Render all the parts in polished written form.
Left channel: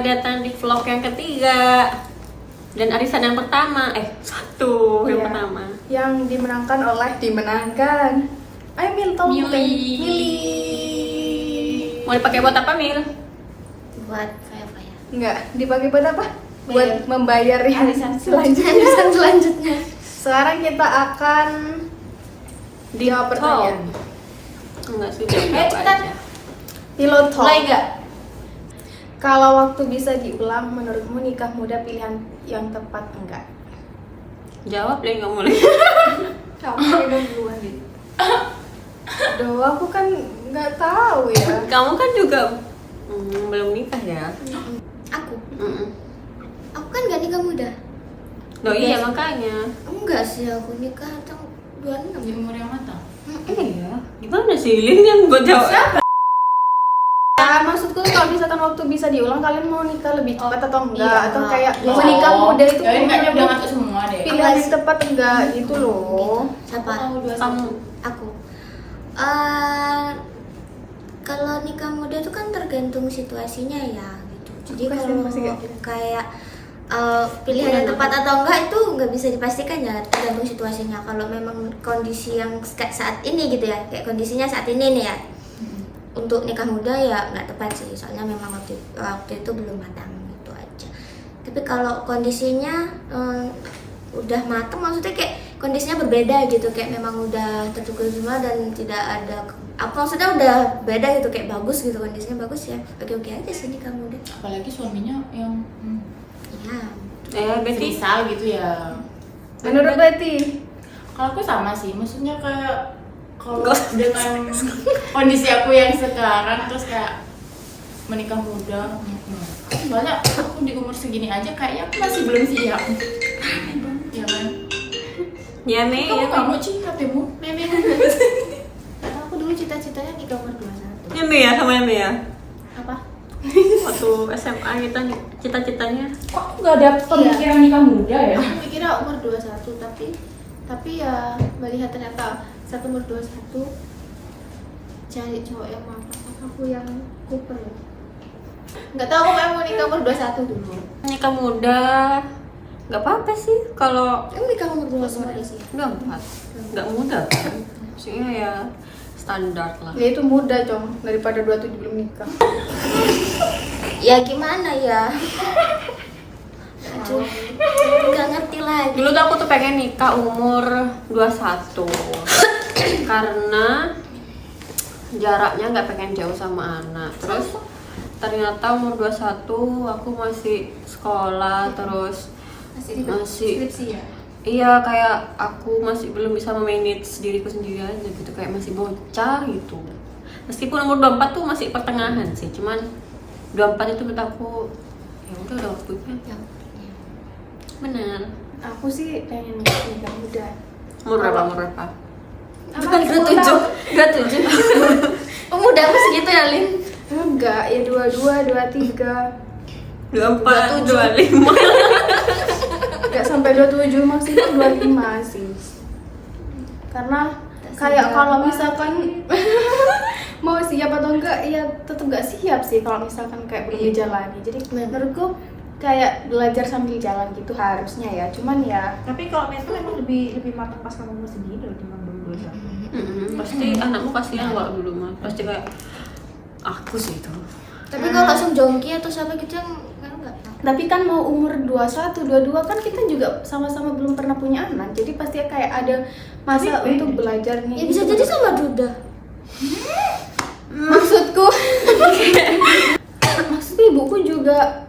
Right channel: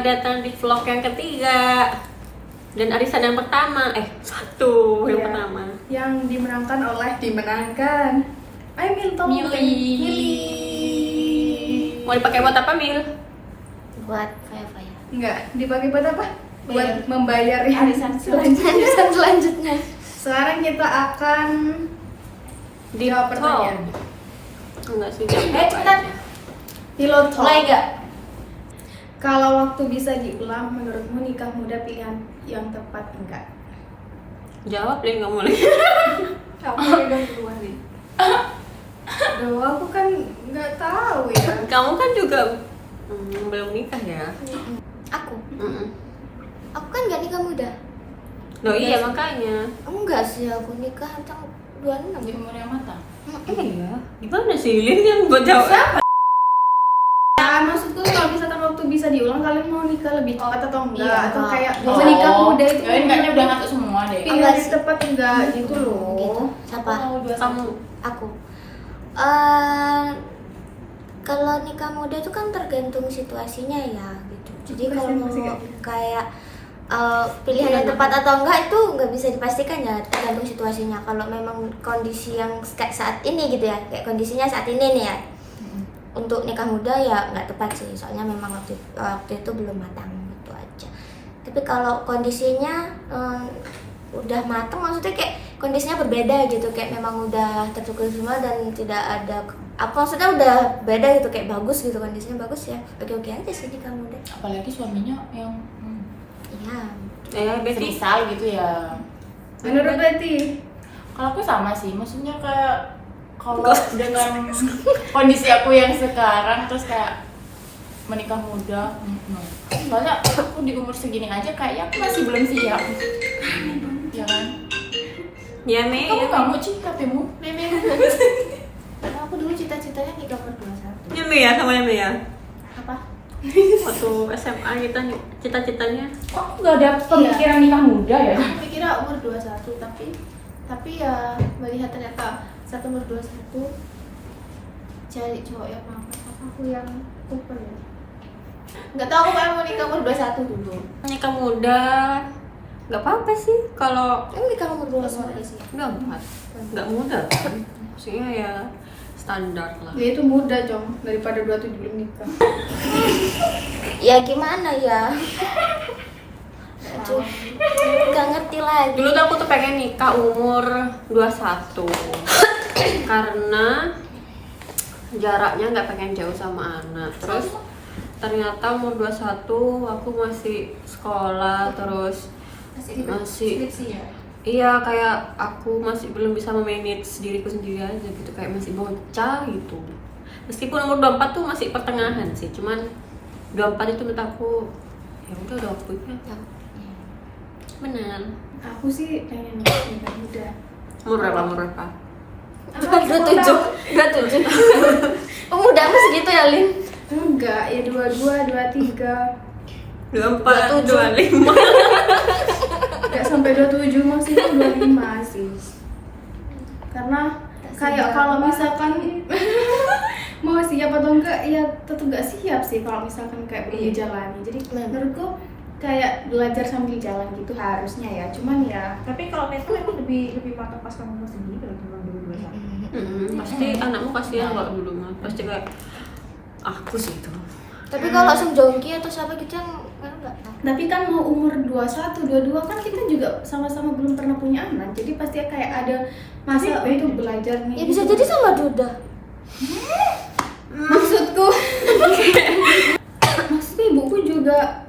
Selamat datang di vlog yang ketiga dan arisan yang pertama. Satu yang Iya. pertama. Yang dimenangkan. Ayo Mil, tolong Mili. Mau dipakai buat apa, Mil? Buat apa ya? Enggak, dipakai buat apa? Buat Bayar. membayar Arisan selanjutnya. Arisan selanjutnya. Sekarang kita akan Di jawab pertanyaan. Enggak sih, jawab cepetan. aja. Pilot talk. Mulai nggak? Kalau waktu bisa diulang, menurutmu nikah muda pilihan yang tepat enggak? Jawab deh, nggak boleh. Kamu pegang duluan deh. Duh, aku kan nggak tahu ya. Kamu kan juga belum nikah ya? Aku? Mm-mm. Aku kan nggak nikah muda. Loh iya makanya. Enggak sih, aku nikah tahun 26. Di umur yang matang. Iya. Gimana sih Lin yang buat jawab? Ya, maksudku kalau misalkan waktu bisa diulang, kalian mau nikah lebih cepat atau enggak? Iya. Atau kayak Oh. menikah muda itu Kalian kayaknya udah ngatur semua deh. pilihan yang tepat enggak gitu loh. Siapa? Kamu. Aku. Kalau nikah muda itu kan tergantung situasinya ya gitu. Jadi Aku kalau masih nggak gitu. kayak pilihan yang tepat atau enggak itu nggak bisa dipastikan ya, tergantung situasinya. Kalau memang kondisi yang kayak saat ini gitu ya, kayak kondisinya saat ini nih ya, untuk nikah muda ya nggak tepat sih, soalnya memang waktu itu belum matang gitu aja. Tapi kalau kondisinya udah matang, maksudnya kayak kondisinya berbeda gitu, kayak memang udah tercukupi semua dan tidak ada apa, maksudnya udah beda gitu, kayak bagus gitu, kondisinya bagus ya, oke aja sih nikah muda Apalagi suaminya yang ya. Betty. semisal gitu ya. Menurut Betty, Kalau aku sama sih, maksudnya kayak kalau dengan kondisi aku yang sekarang terus kayak menikah muda, soalnya aku di umur segini aja kayaknya aku masih belum siap. Ya kan? Ya Mei, Kamu ya nggak Mei. mau cinta temu? Karena aku dulu cita-citanya nikah umur 21. Ya Mei ya, sama ya Mei ya. Apa? Waktu SMA kita nih cita-citanya. Kok nggak ada pemikiran nikah muda ya? Aku mikirnya umur 21, tapi ya melihat ternyata saat umur 21 cari cowok yang mapan sama aku yang Cooper ya. Nggak tahu, aku pengen mau nikah umur 21 dulu. Nikah muda nggak apa-apa sih kalau Emang nikah umur 21 sih? nggak muda kan. Maksudnya ya standar lah. dia itu muda com, daripada 27 belum nikah. Ya gimana ya? Aduh, nggak ngerti lagi. Dulu tuh aku tuh pengen nikah umur 21 karena jaraknya nggak pengen jauh sama anak. Terus ternyata umur 21 aku masih sekolah, terus masih skripsi ya? iya, kayak aku masih belum bisa memanage diriku sendiri aja gitu, kayak masih bocah gitu. Meskipun umur 24 tuh masih pertengahan sih, cuman 24 itu menurut aku ya udah waktunya. Benar. Aku sih pengen nikah muda. Umur berapa? Umur berapa? Apa? 27. Udah apa segitu ya, Lin? Enggak, ya 22, 23. 24, 25. Enggak sampai 27, maksimal 25 sih. Karena kayak kalau misalkan mau siap atau enggak, ya tetap enggak siap sih kalau misalkan kayak belum dijalani. Jadi menurutku kayak belajar sambil jalan gitu harusnya ya. Cuman ya Tapi kalau mental emang lebih matang pas kamu umur segini loh dibanding dulu 21. Pasti anakmu kasihan kalau dulu mah. Pasti kayak aku sih itu. Tapi kalau langsung jongki atau sama gitu yang enggak. tapi kan mau umur 21, 22 kan kita juga sama-sama belum pernah punya anak. Jadi pasti kayak ada masa Tapi untuk belajar nih. Ya bisa jadi sama Duda. Maksudku maksudku ibuku juga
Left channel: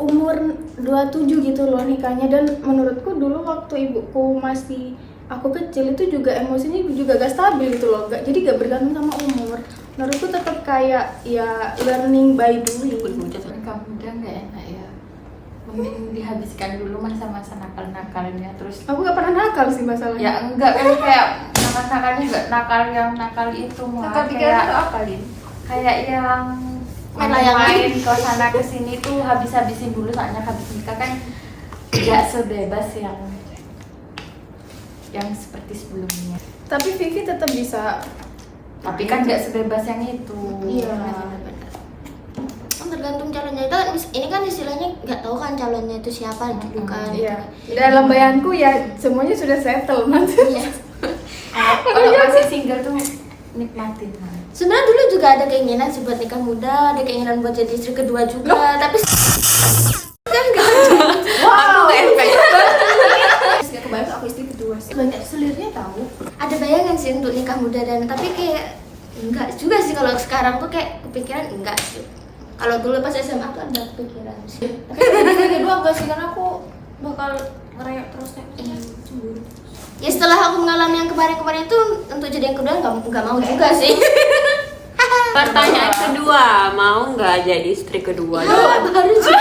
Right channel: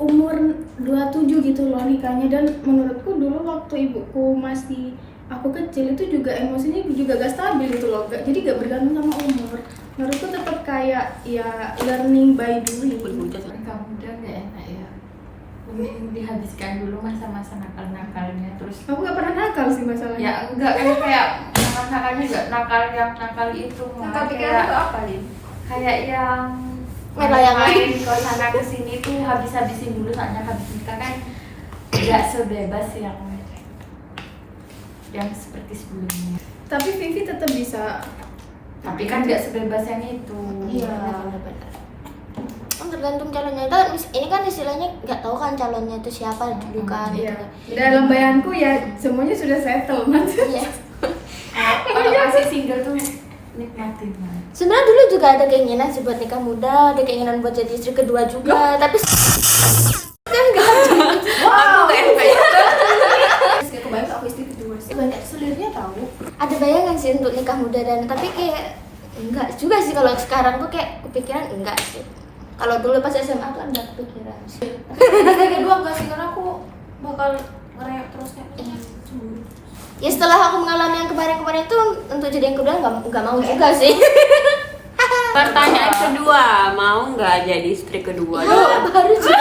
umur 27 gitu loh nikahnya, dan menurutku dulu waktu ibuku masih aku kecil itu juga emosinya juga gak stabil gitu loh, jadi gak bergantung sama umur. Menurutku tetap kayak ya learning by doing. Nikah muda nggak enak ya. Mending dihabiskan dulu masa-masa nakal-nakalnya terus. Aku gak pernah nakal sih masalahnya. Ya enggak kan, kayak nakal-nakalnya enggak nakal yang nakal itu malah Nakal pikiran kayak itu apa, Lin? kayak yang Main layangan. main ke sana ke sini tuh habis-habisin dulu, soalnya habis nikah kan tidak sebebas yang seperti sebelumnya. Tapi Vivi tetap bisa. Tapi kan nggak sebebas yang itu. Iya. tergantung calonnya. Ini kan istilahnya nggak tahu kan calonnya itu siapa dulu kan. Iya. Dalam bayanganku ya semuanya sudah settle man. Iya. Kalau masih single tuh nikmatin. Sebenarnya dulu juga ada keinginan sih buat nikah muda, ada keinginan buat jadi istri kedua juga, tapi kan nggak. Aku nggak efek. Gak kebayang kalau aku istri kedua sih. Banyak selirnya tahu. Ada bayangan sih untuk nikah muda dan tapi kayak enggak juga sih kalau sekarang tuh kayak kepikiran enggak sih. Kalau dulu pas SMA tuh ada kepikiran sih. Istri kedua enggak sih, karena aku bakal ngereok terus kayak cemburu. Ya setelah aku mengalami yang kemarin-kemarin itu untuk jadi yang kedua nggak mau juga sih. Pertanyaan kedua, mau nggak jadi istri kedua? Baru sih.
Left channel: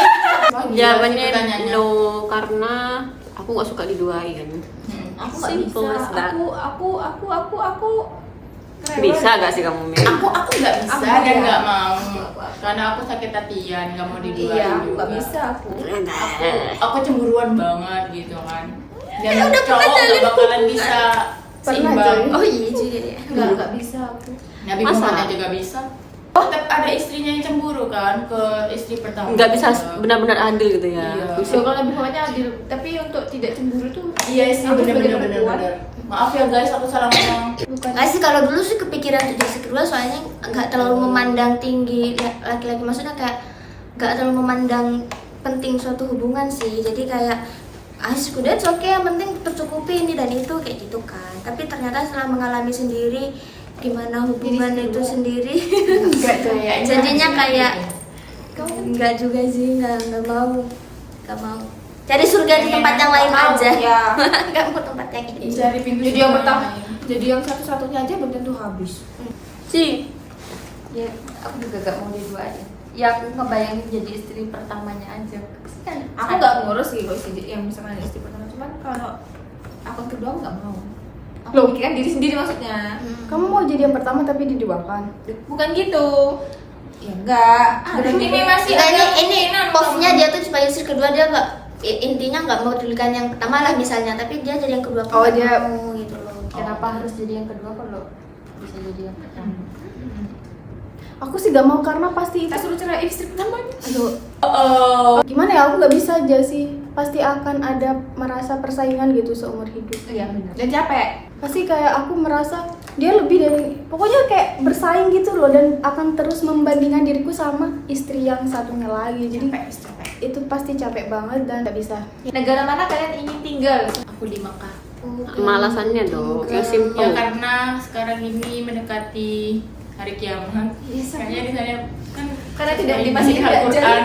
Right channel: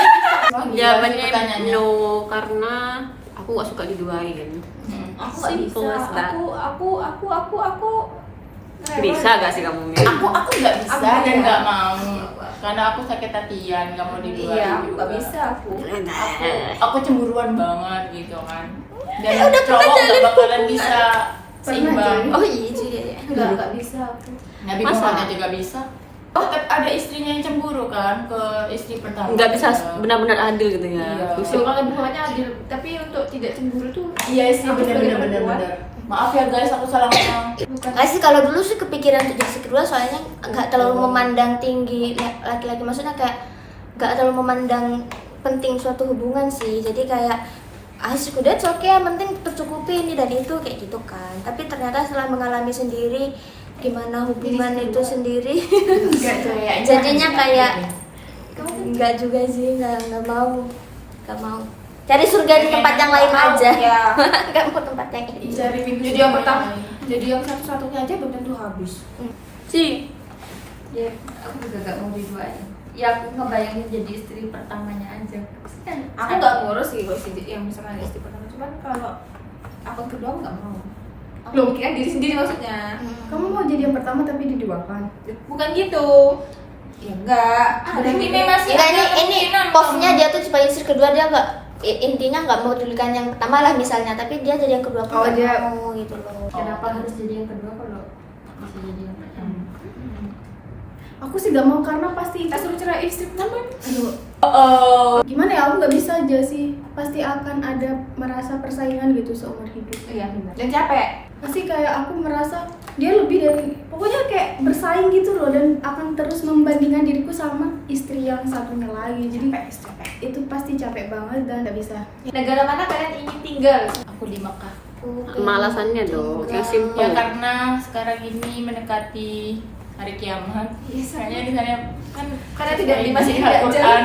Jawabannya no, karena aku nggak suka diduain. Aku nggak Simple bisa. as that. Aku Bisa gak sih kamu Mil? Aku nggak bisa Aku dan iya. nggak mau karena aku sakit hatian, nggak mau diduain. Iya, aku nggak juga. bisa aku. Aku cemburuan banget gitu kan. Dan cowok nggak bakalan bisa seimbang. Oh iya juga ya. Nggak bisa aku. Nabi Masa? Muhammad juga bisa. Tetap ada istrinya yang cemburu kan ke istri pertama. Nggak bisa benar-benar adil gitu ya. Iya. So, kalau lebih bawahnya adil, tapi untuk tidak cemburu tuh Iya istri aku sebagai perempuan. bener-bener. Maaf ya guys, aku salah ngomong. bukan. Nggak sih, kalau dulu sih kepikiran untuk jadi istri kedua soalnya nggak terlalu memandang tinggi laki-laki, maksudnya kayak nggak terlalu memandang penting suatu hubungan sih. Jadi kayak istri kedua oke, yang penting tercukupi ini dan itu kayak gitu kan. Tapi ternyata setelah mengalami sendiri gimana hubungan Jadi istri itu kedua. sendiri, Enggak cowok. jadinya kayak nggak juga sih, nggak mau cari surga di tempat yang lain Mau, aja. ya. Nggak mau tempat yang ini. Cari pintu Jadi yang surga pertama, lain. jadi yang satu-satunya aja belum tentu habis. Sih, Ya, aku juga gak mau diduain. Ya aku ngebayangin jadi istri pertamanya aja. Aku nggak ngurus sih kalau istri yang misalkan istri pertama, cuman kalau akun kedua aku nggak mau. Aku Loh. pikiran diri sendiri maksudnya. Kamu mau jadi yang pertama tapi diduakan. Bukan gitu. Ya enggak. Ada Ini yang masih Enggak, ada ini kemungkinan posnya kamu- dia tuh supaya istri kedua dia nggak intinya nggak mau dulukan yang pertama lah misalnya, tapi dia jadi yang kedua pun Oh, nggak dia- mau gitu loh. Kenapa harus jadi yang kedua kalau bisa jadi yang pertama? Aku sih gak mau karena pasti kita suruh cerai istri pertamanya. Aduh, Oh, gimana ya, aku gak bisa aja sih. Pasti akan ada merasa persaingan gitu seumur hidup. Iya benar. Dan capek. Pasti kayak aku merasa dia lebih dari, pokoknya kayak bersaing gitu loh, dan akan terus membandingkan diriku sama istri yang satunya lagi. Jadi Capek. itu pasti capek banget dan gak bisa. Negara mana kalian ingin tinggal? aku di Mekah. malasannya dong, yang Ya simple. karena sekarang ini mendekati hari kiamat. Kayaknya di sana kan Karena tidak di masjid tidak Al-Quran.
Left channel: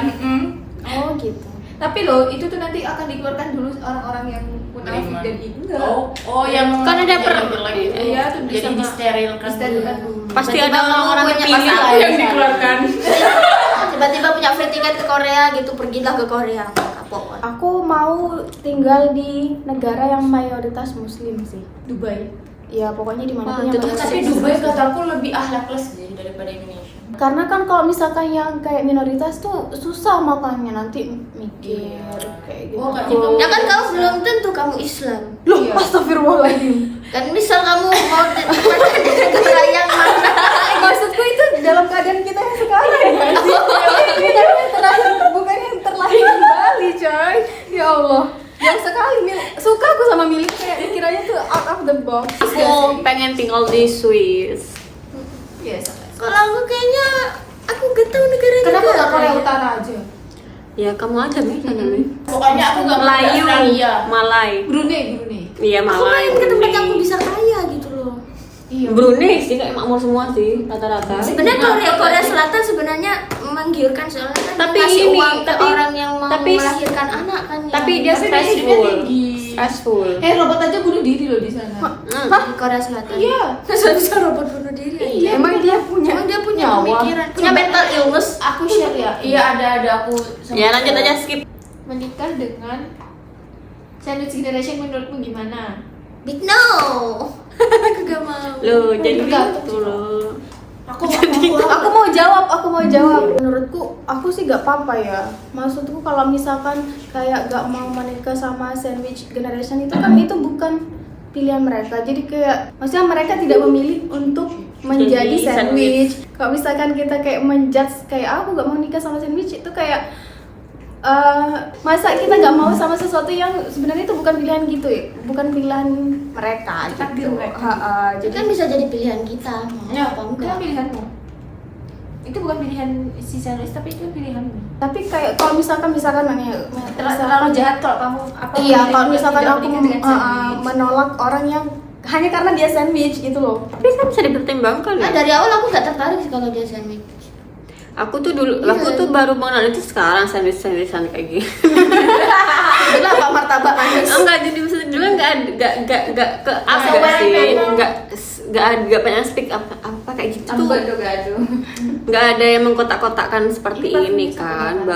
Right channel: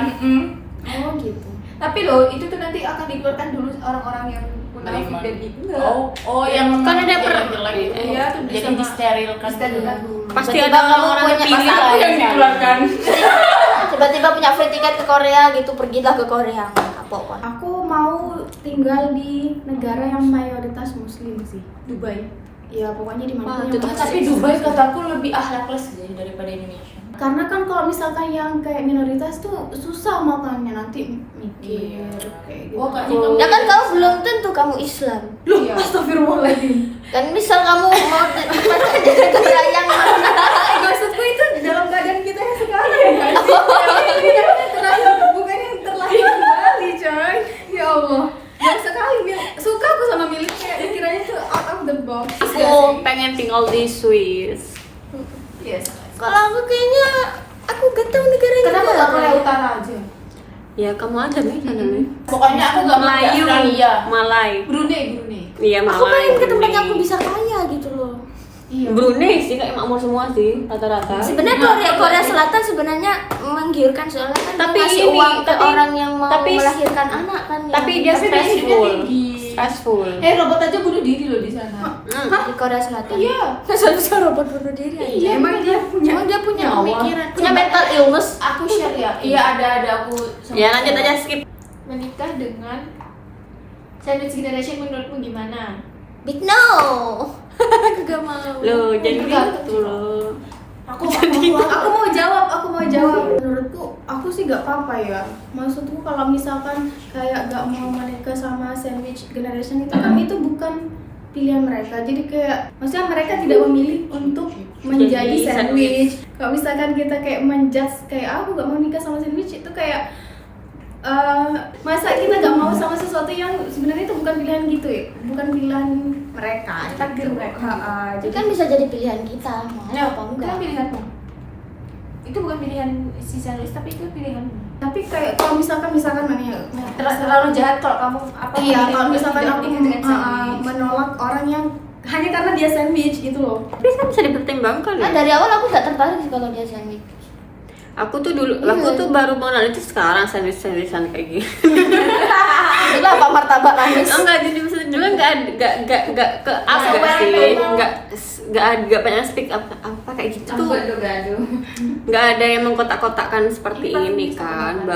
Oh gitu. Tapi loh, itu tuh nanti akan dikeluarkan dulu orang-orang yang munafik Beriman. dan itu enggak. Oh yang Kan ada iya tuh jadi sama- disterilkan disterilkan dulu. Pasti Tiba-tiba ada kamu orang-orang yang punya pilih pasangan. lah yang dikeluarkan. Tiba-tiba punya free tiket ke Korea gitu, pergilah ke Korea. Kapok kan. Aku mau tinggal di negara yang mayoritas muslim sih. Dubai. Ya pokoknya di Wah, mana itu pun tuh yang Tapi muslim. Dubai kataku lebih akhlakles deh daripada Indonesia. Karena kan kalau misalkan yang kayak minoritas tuh susah makanya nanti mikir kayak gitu. Oh, kayaknya Ya kan kamu belum tentu kamu Islam. Loh, Iya. astagfirullahaladzim. Dan misal kamu mau di negara yang mana? Maksudku itu dalam keadaan kita yang sekarang kan? Bukan yang terlahir di Bali coy. Ya Allah. Yang sekali suka aku sama milik kayak pikirannya tuh out of the box. Aku pengen tinggal di Swiss. Iya, sama. Kalau aku kayaknya aku gak tahu negaranya. Kenapa juga. nggak Korea Utara aja? Ya kamu aja nih sana nih. Pokoknya aku nggak mau ke Melayu, Australia. Malay. Brunei. Iya Aku Malay. pengen ke tempat Brunei. yang aku bisa kaya gitu loh. Iya. Brunei sih kayak makmur semua sih rata-rata. Sebenarnya Korea Selatan sebenarnya menggiurkan soalnya kan Tapi ngasih ini, uang ke tapi- orang yang mau tapi- melahirkan anak kan. Tapi yang dia di stressful. tinggi. Stressful. Robot aja bunuh diri loh di sana. Korea Selatan. Iya. Masa bisa robot bunuh diri aja? Iya, Emang dia punya Emang dia punya nyawa? pemikiran, punya mental illness. Aku share ya. Iya ada aku. sama- Ya lanjut aja skip. Menikah dengan sandwich generation menurutmu gimana? Big no. Aku gak mau. Loh, jadi Tergantung gitu loh. Aku mau jawab. Menurutku aku sih gak apa-apa ya. Maksudku kalau misalkan kayak gak mau menikah sama sandwich generation itu kan itu bukan pilihan mereka. Jadi kayak maksudnya mereka tidak memilih untuk menjadi Jadi sandwich. Kalau misalkan kita kayak menjudge kayak aku gak mau nikah sama sandwich, itu kayak masa kita nggak mau sama sesuatu yang sebenarnya itu bukan pilihan gitu ya, bukan pilihan mereka. Takdir gitu. mereka. Jadi kan bisa jadi pilihan kita mau Ya, apa itu enggak. kan pilihanmu. Itu bukan pilihan si sandwich, tapi itu pilihanmu. tapi kayak kalau misalkan nih Terlalu jahat kalau kamu apa? iya memilih kalau untuk misalkan tidak aku menikah dengan sandwich. menolak orang yang hanya karena dia sandwich gitu loh. Tapi kan bisa dipertimbangkan Nah, ya. dari awal aku nggak tertarik sih kalau dia sandwich. Aku tuh dulu, aku tuh baru mengenal itu sekarang sandwich-sandwichan kayak gini. Dulu apa martabak manis? Enggak, jadi maksudnya dulu enggak ke up Nggak enggak sih, memang. enggak banyak speak apa kayak gitu tuh. Gado-gado. Enggak ada yang mengkotak-kotakkan seperti Ini pasti ini bisa kan, kotak-kotak.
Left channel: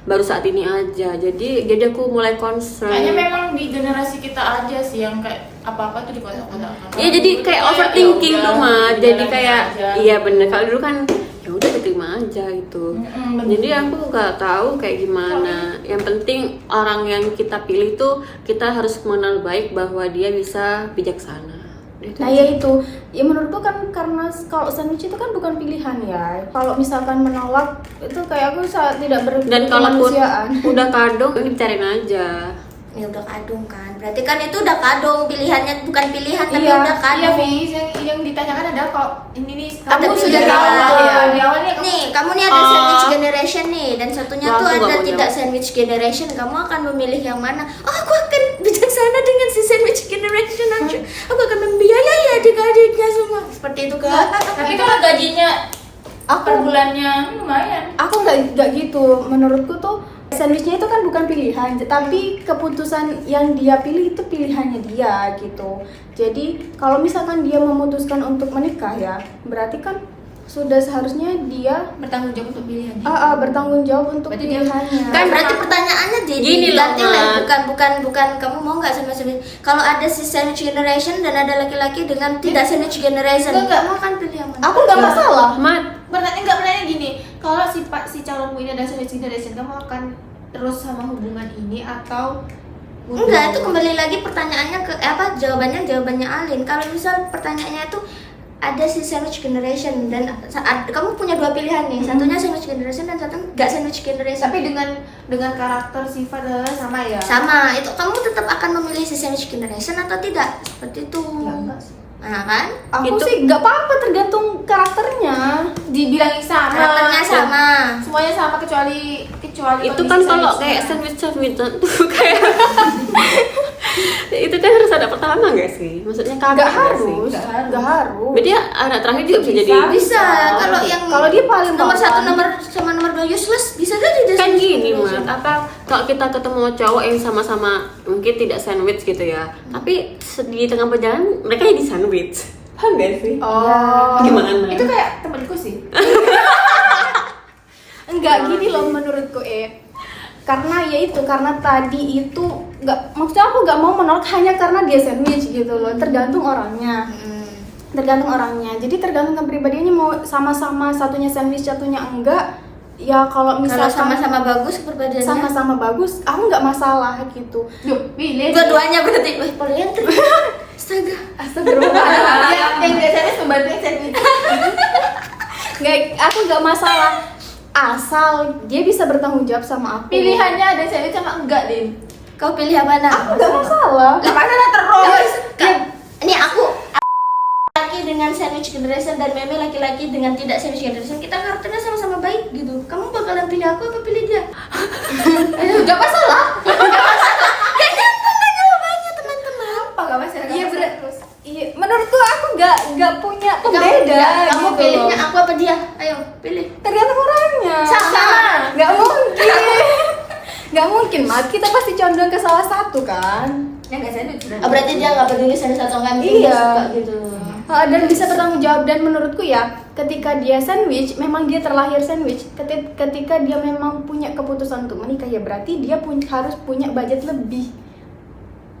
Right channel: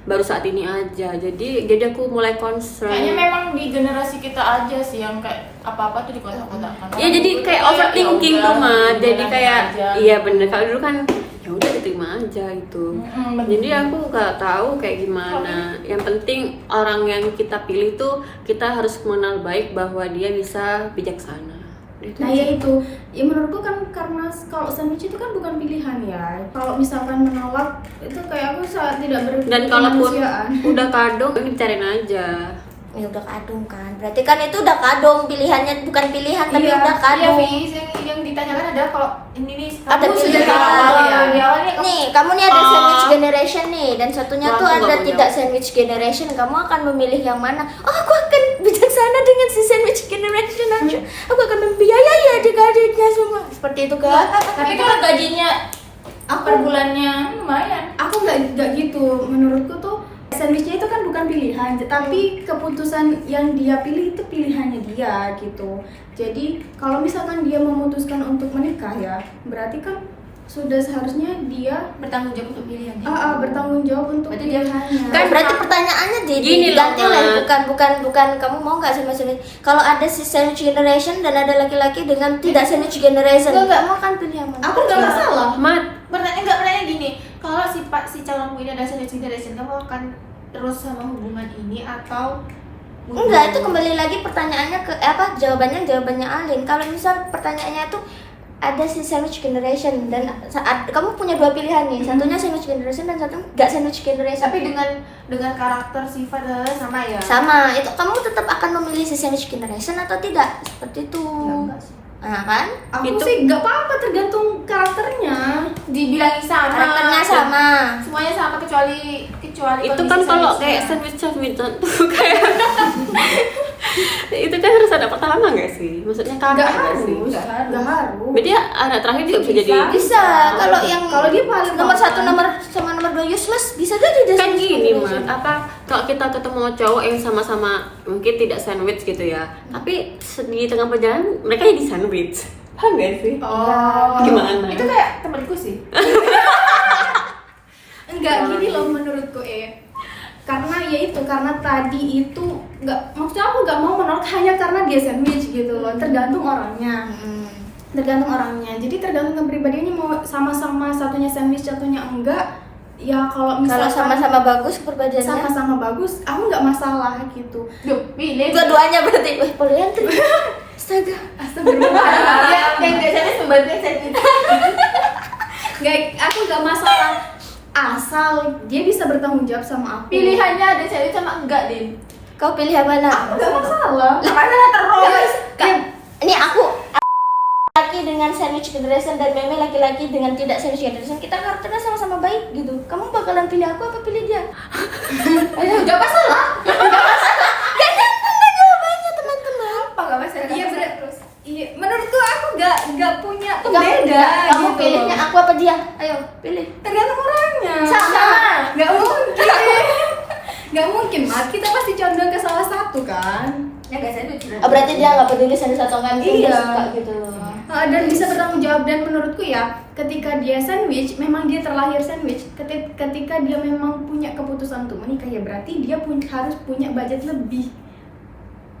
baru saat ini aja. Jadi aku mulai concern. Kayaknya memang di generasi kita aja sih yang kayak apa-apa tuh dikotak-kotakan. Iya, jadi kayak overthinking tuh mah. Jadi kayak iya bener, kalau dulu kan ya udah diterima aja gitu. bener. Jadi aku nggak tahu kayak gimana. Yang penting orang yang kita pilih tuh kita harus mengenal baik bahwa dia bisa bijaksana. Itu Nah ya itu, ya menurutku kan karena kalau sandwich itu kan bukan pilihan ya. Kalau misalkan menolak itu kayak aku tidak Dan kalaupun berkemanusiaan. udah kadung, ini dicariin aja. Ya udah kadung kan. Berarti kan itu udah kadung, pilihannya bukan pilihan tapi Iya, udah Iya, kadung. Fiz, yang ditanyakan adalah kalau ini nih Ada kamu sudah pilihan. tahu ya di awalnya kamu Nih, kamu nih ada sandwich generation nih, dan satunya Wah, tuh aku nggak ada mau tidak jawab. sandwich generation. Kamu akan memilih yang mana? Oh, aku akan bijaksana dengan si sandwich generation aja. Aku akan membiayai adik-adiknya semua. Seperti itu kan? Tapi kalau gajinya per Aku bulannya lumayan. aku nggak gitu. Menurutku tuh sandwichnya itu kan bukan pilihan, tapi keputusan yang dia pilih itu pilihannya dia gitu. Jadi kalau misalkan dia memutuskan untuk menikah ya, berarti kan sudah seharusnya dia bertanggung jawab untuk pilihannya. bertanggung jawab untuk Berarti dia- pilihannya. Kan berarti pertanyaannya Gini loh, diganti lah, Mat. bukan kamu mau nggak sama sandwich. Kalau ada si sandwich generation dan ada laki-laki dengan tidak sandwich generation, Enggak. kamu akan pilih yang mana? Aku nggak masalah. Mat, Pertanyaan gini, kalau si calonmu ini ada sandwich generation, kamu akan terus sama hubungan ini atau Enggak, itu kembali lagi pertanyaannya ke jawabannya Alin. Kalau misal pertanyaannya tuh ada si sandwich generation dan saat kamu punya dua pilihan nih, satunya sandwich generation dan satu nggak sandwich generation. tapi dengan karakter sifat sama ya? Sama, itu kamu tetap akan memilih si sandwich generation atau tidak? Seperti itu. Ya, enggak sih. Nah kan? Aku Itu- sih nggak apa-apa, tergantung karakternya. Dibilangin sama. Karakternya sama. Semuanya sama kecuali itu kondisi kan kalau sandwichnya. kayak sandwich tuh kayak itu kan harus ada pertama nggak sih? Maksudnya kakak Nggak nggak harus, sih? nggak harus. Berarti anak terakhir juga bisa jadi. Bisa. Kalau Oh. yang Kalau dia paling nomor papan. satu sama nomor 2 useless bisa jadi dia Kan sandwich gini generation. mas, apa kalau kita ketemu cowok yang sama-sama mungkin tidak sandwich gitu ya, tapi di tengah perjalanan mereka jadi sandwich, paham nggak sih? Oh. Gimana? Itu kayak temanku sih. Enggak gini loh menurutku karena ya itu karena tadi itu nggak, maksudnya aku nggak mau menolak hanya karena dia sandwich gitu loh, tergantung orangnya. Tergantung orangnya, jadi tergantung kepribadiannya mau sama-sama satunya sandwich satunya enggak. Ya kalau Kalau misalkan sama-sama bagus kepribadiannya. sama-sama bagus, aku nggak masalah gitu. Duh, pilih. Dua-duanya berarti. Wah, poliantri. Astaga. Astagfirullah. Yang nggak sandwich membantu yang sandwich. Nggak, aku nggak masalah asal dia bisa bertanggung jawab sama aku. Pilihannya ada sandwich sama enggak, Din. Kau pilih yang mana? Aku nggak masalah. Gak masalah terus. Ini aku laki dengan sandwich generation dan meme laki-laki dengan tidak sandwich generation, kita karakternya sama-sama baik gitu. Kamu bakalan pilih aku apa pilih dia? Nggak masalah. Ya nyambung lah jawabannya teman-teman. Apa gak masalah? Iya, Gak masalah bener. terus. Iya, menurutku aku nggak punya Kamu, pembeda. kamu gitu pilihnya loh. aku apa dia? Ayo pilih. Tergantung orangnya. Sama. Nggak mungkin. Nggak mungkin, Mat. Kita pasti condong ke salah satu kan. Yang gak sandwich berarti. Oh, berarti dia nggak peduli sandwich atau nggak, penting dia Iya. suka gitu. Dan bisa bertanggung jawab, dan menurutku ya ketika dia sandwich, memang dia terlahir sandwich. Ketika dia memang punya keputusan untuk menikah ya berarti dia harus punya budget lebih.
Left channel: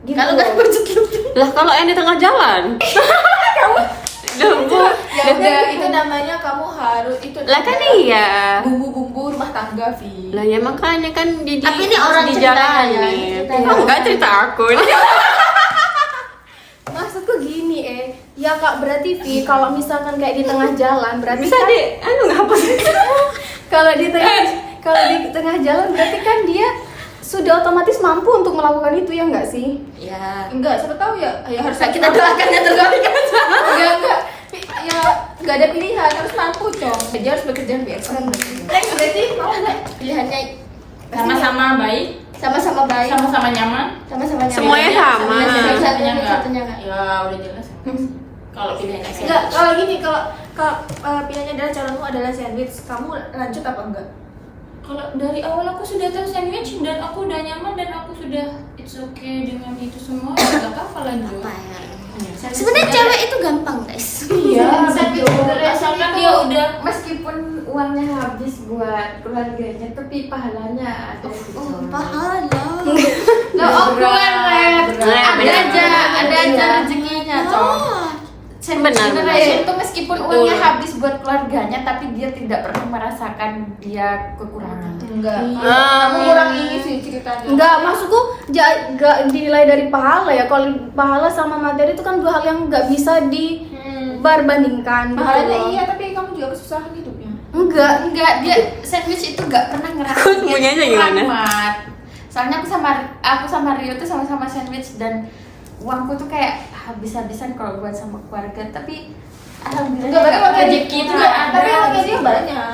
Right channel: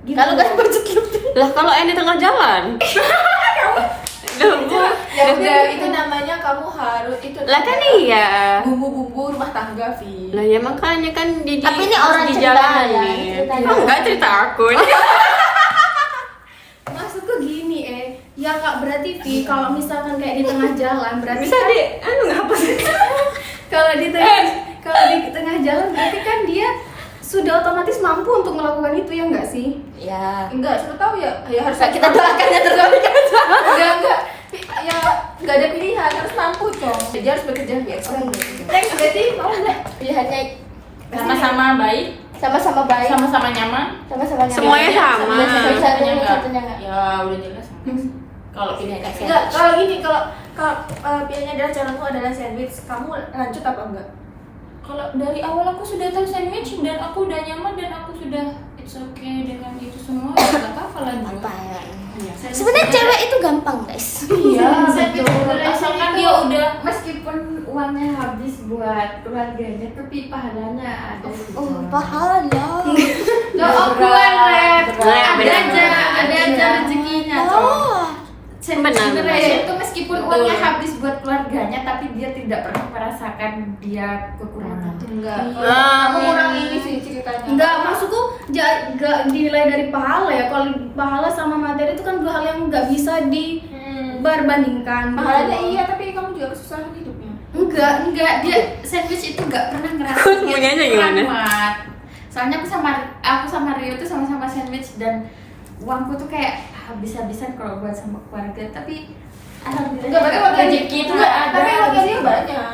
Gitu. Kalau nggak budget lebih. Lah kalau yang di tengah jalan, Ya udah, itu namanya kamu harus itu. lah kan iya. Bumbu-bumbu rumah tangga, Vi. Lah ya makanya kan Tapi ini harus orang di cerita jalan ya, nih. ceritanya. Oh, enggak cerita aku. Ya Kak, berarti Vi, kalau misalkan kayak di tengah jalan berarti Bisa kan, ngapus. kalau di tengah jalan berarti kan dia sudah otomatis mampu untuk melakukan itu, ya nggak sih? Ya. Enggak, siapa tahu ya harus Kita doakan yang terbaik aja. enggak ya nggak ada pilihan, harus mampu Cong. Dia harus bekerja lebih ekstra berarti. Next, berarti mau nggak pilihannya Sama-sama baik, sama-sama baik, sama-sama nyaman. sama-sama nyaman? Semuanya sama. Satunya enggak. satunya nggak? Ya udah jelas. Kalau pilihannya Enggak, kalau gini, kalau pilihannya adalah calonmu adalah sandwich, kamu lanjut apa enggak? kalau dari awal aku sudah tahu sandwich dan aku udah nyaman dan aku sudah it's okay dengan itu semua, ya nggak apa-apa lanjut. Apa ya? Iya. Sebenarnya cewek itu gampang, guys. Iya, betul. asalkan dia udah Meskipun uangnya habis buat keluarganya, tapi pahalanya ada gitu. Oh, pahala. Nggak berat, Rep. berat. Ada Benar, aja, benar. ada aja rezekinya Cong. Oh. Benar, benar. Itu meskipun Betul. uangnya habis buat keluarganya, tapi dia tidak pernah merasakan dia kekurangan. Enggak. Kamu kurang ini sih ceritanya. Enggak, maksudku enggak dinilai dari pahala ya. Kalau pahala sama materi itu kan dua hal yang nggak bisa diperbandingkan. Pahalanya gitu loh. iya, tapi kamu juga kesusahan hidupnya. Enggak, Dia sandwich itu nggak pernah ngerasa. Aku semuanya gimana? Rahmat. Soalnya aku sama Rio tuh sama-sama sandwich dan uangku tuh kayak habis-habisan kalau buat sama keluarga, tapi alhamdulillah. Enggak, berarti uang rezeki itu nggak ada. Tapi uangnya dia banyak.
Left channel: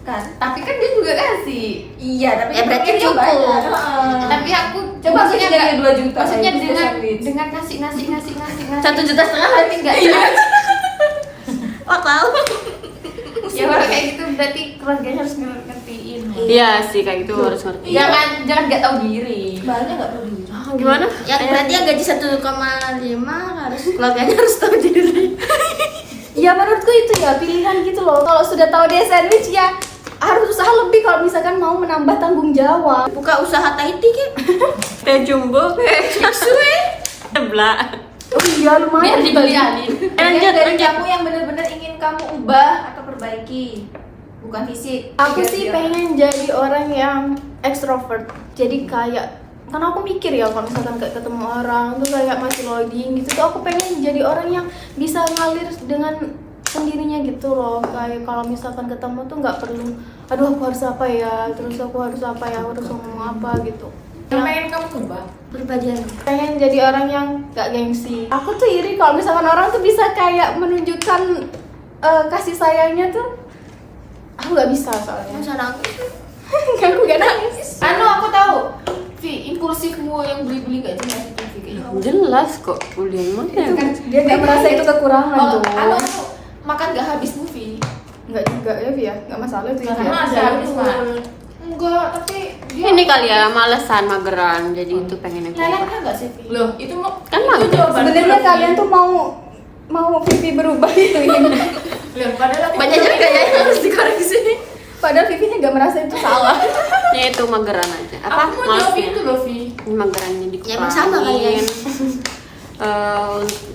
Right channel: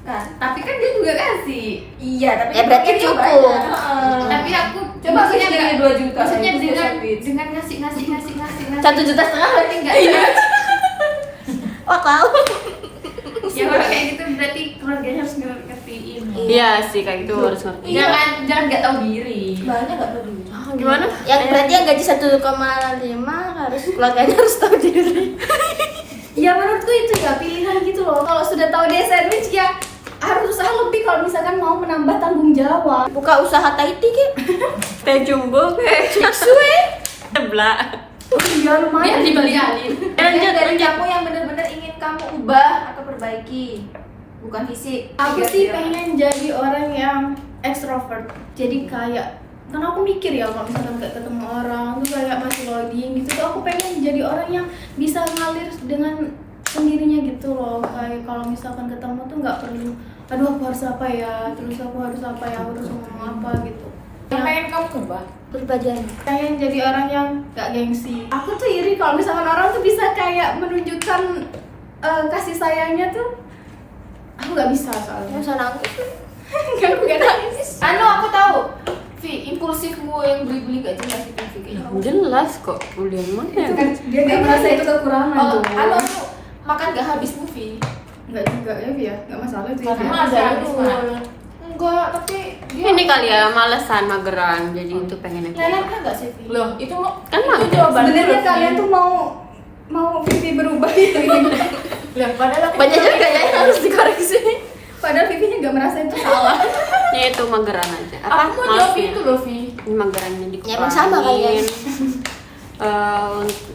Kan, tapi kan dia juga kasih. Iya, tapi Ya, berarti uangnya dia cukup. banyak. Tapi aku Coba maksudnya aku dari 2 juta Maksudnya itu dengan sandwich. ngasih 1,5 juta. enggak. Wah, kau. Ya kalau kayak gitu berarti keluarganya harus ngertiin. Iya sih, kayak gitu harus ngerti. Jangan nggak tahu diri. banyak nggak tahu diri. Gimana? Yang berarti yang gaji 1,5 harus keluarganya harus tahu diri. Ya menurutku itu ya pilihan gitu loh. Kalau sudah tahu dia sandwich ya harus usaha lebih kalau misalkan mau menambah tanggung jawab. Buka usaha Tahiti ke? Teh jumbo kayak suwe. Sebelah. Oh iya Biar lumayan. dibeli-beli. Lanjut, Dari lanjut. kamu yang benar-benar ingin kamu ubah atau perbaiki, bukan fisik. Aku Biar sih dia- pengen jadi orang yang extrovert. Jadi kayak karena aku mikir ya kalau misalkan kayak ketemu orang tuh kayak masih loading gitu tuh aku pengen jadi orang yang bisa ngalir dengan sendirinya gitu loh. Kayak kalau misalkan ketemu tuh nggak perlu aduh aku harus apa ya, terus aku harus apa ya, aku harus ngomong apa gitu. Yang pengen kamu ubah. Berbadian. Pengen jadi orang yang gak gengsi. Aku tuh iri kalau misalkan orang tuh bisa kayak menunjukkan kasih sayangnya tuh. Aku nggak bisa soalnya. Masa nangis? Aku gak nangis. Aku tahu. Vi, impulsifmu yang beli-beli gak jelas itu Vi kayaknya. Jelas kok. Udah mana ya? Kan dia nggak merasa itu kekurangan Oh, tuh. makan gak habis movie. Nggak juga ya, Vi ya. Nggak masalah itu. Karena Ya. ada enggak, tapi dia Ini kali ya malesan mageran, jadi itu pengen aku ubah. leleknya enggak sih Vi? Loh, itu mau Kan itu mager. jawaban Sebenarnya dulu, kalian Vi. tuh mau Vivi berubah gitu. Loh, padahal aku Banyak juga ya yang harus dikoreksi. Padahal Vivi nggak merasa itu salah. Ya itu mageran aja. Apa? Aku mau jawab Malesnya. itu loh, Vi. Ini magerannya dikurangin. Ya, emang sama kalian.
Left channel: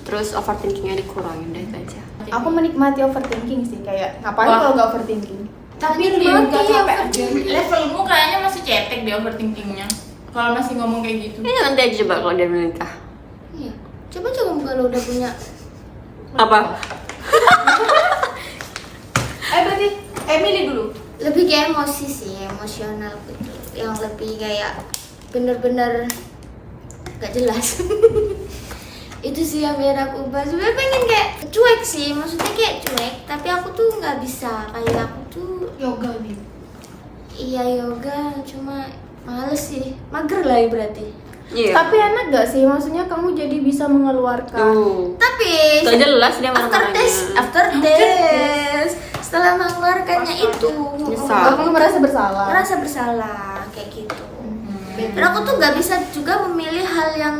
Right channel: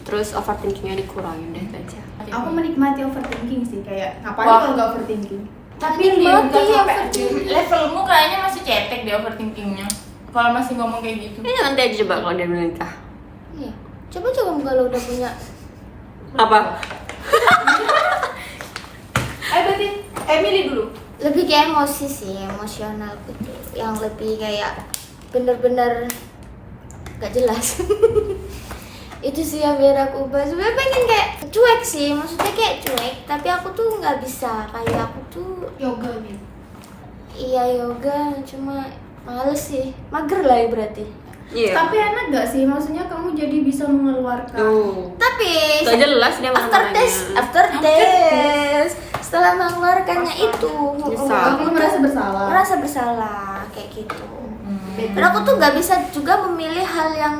Terus overthinkingnya dikurangin deh itu aja. Aku menikmati overthinking sih, kayak ngapain Wah. kalau nggak overthinking? Tapi Mati nggak sampai overthinking. levelmu kayaknya masih cetek di overthinkingnya. Kalau masih ngomong kayak gitu. Ini nanti aja coba kalau dia menikah. Iya. Coba kalau udah punya. Apa? Berarti Emily dulu. Lebih kayak emosi sih, emosional betul. Yang lebih kayak bener-bener gak jelas. Itu sih yang biar aku ubah. Sebenarnya pengen kayak cuek sih, maksudnya kayak cuek. Tapi aku tuh nggak bisa. Kayak aku tuh Yoga nih. iya yoga, cuma males sih. Mager lah ya berarti. Iya. Tapi enak gak sih? Maksudnya kamu jadi bisa mengeluarkan. Tuh. Tapi Gak jelas dia after marah-marahnya. test, setelah mengeluarkannya itu, Bisa. Kamu merasa bersalah. merasa bersalah kayak gitu. Dan aku tuh nggak bisa juga memilih hal yang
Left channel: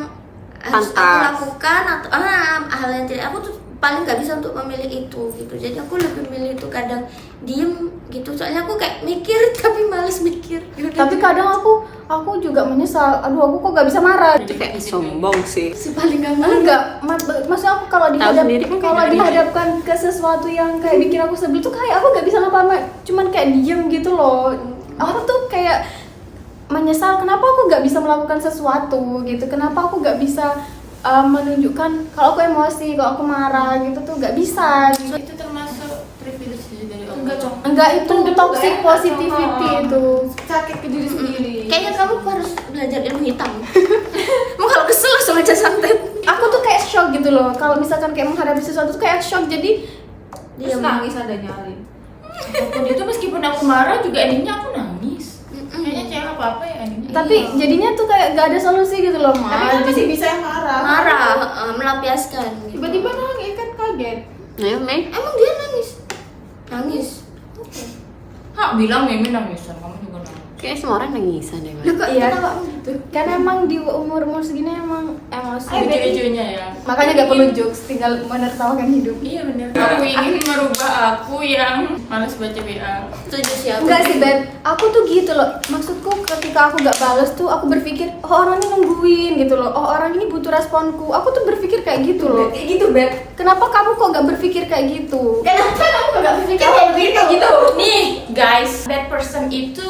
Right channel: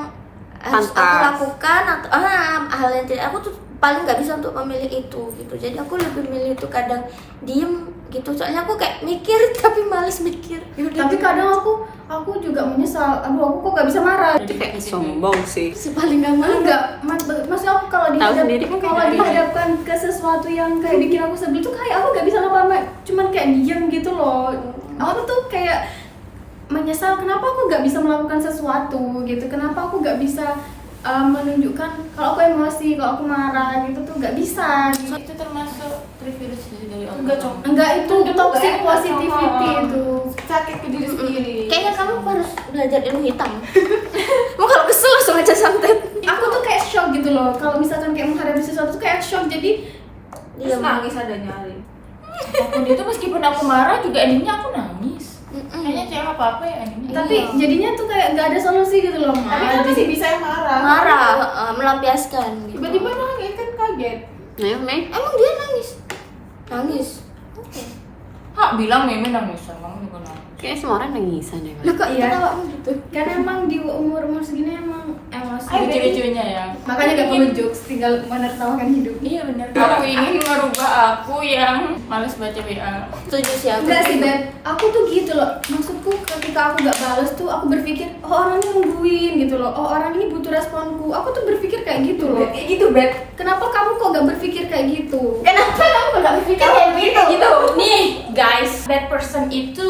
harus aku Pantas. lakukan atau hal yang tidak. Aku tuh paling nggak bisa untuk memilih itu gitu. Jadi aku lebih milih itu kadang diem gitu. Soalnya aku kayak mikir tapi males mikir. Yaudah. Tapi kadang aku juga menyesal. Aduh, aku kok gak bisa marah. Itu kayak sombong sih. si paling nggak mau. Enggak, maksudnya aku kalau sendiri kan kayak kalau gimana? dihadapkan ke sesuatu yang kayak bikin aku sebel tuh kayak aku gak bisa ngapa-ngapain, cuman kayak diem gitu loh. Aku tuh kayak menyesal kenapa aku gak bisa melakukan sesuatu gitu, kenapa aku gak bisa menunjukkan kalau aku emosi, kalau aku marah gitu tuh nggak bisa. Gitu. Itu termasuk privilege dari Allah. Enggak, Cong. Enggak, itu toxic Enggak, positivity Cong. itu. Sakit ke diri sendiri. Kayaknya kamu harus belajar ilmu hitam. Mau kalau kesel langsung aja santet. Aku tuh kayak shock gitu loh. Kalau misalkan kayak menghadapi sesuatu tuh kayak shock. Jadi Terus nangis adanya Alin. Apapun itu meskipun aku marah juga endingnya aku nangis. Kayaknya cewek apa ya endingnya. tapi jadinya tuh kayak nggak ada solusi gitu loh, Ma. Tapi kan masih bisa yang marah. Marah, melampiaskan. Gitu. Tiba-tiba nangis kan kaget. Nah, Mei. Emang dia nangis? Nangis. Hak bilang Meme nangisan, kamu juga nangis. Kayaknya semua orang nangisan deh, Mas. Lu kok Iya. kenapa gitu? Kan emang di umur segini emang emosi. Lucu-lucunya ya. Makanya gak perlu jokes, tinggal menertawakan hidup. Iya bener. Aku ingin merubah aku yang males baca WA. Setuju sih aku. Enggak sih, Bet. Aku tuh gitu loh. Maksudku ketika aku gak bales tuh aku berpikir, oh orang ini nungguin gitu loh. Oh orang ini butuh responku. Aku tuh berpikir kayak gitu loh. Kayak gitu, Bet. Kenapa kamu kok gak berpikir kayak gitu? Kenapa kamu nggak berpikir Kalau kayak gitu? Nih guys, bad person itu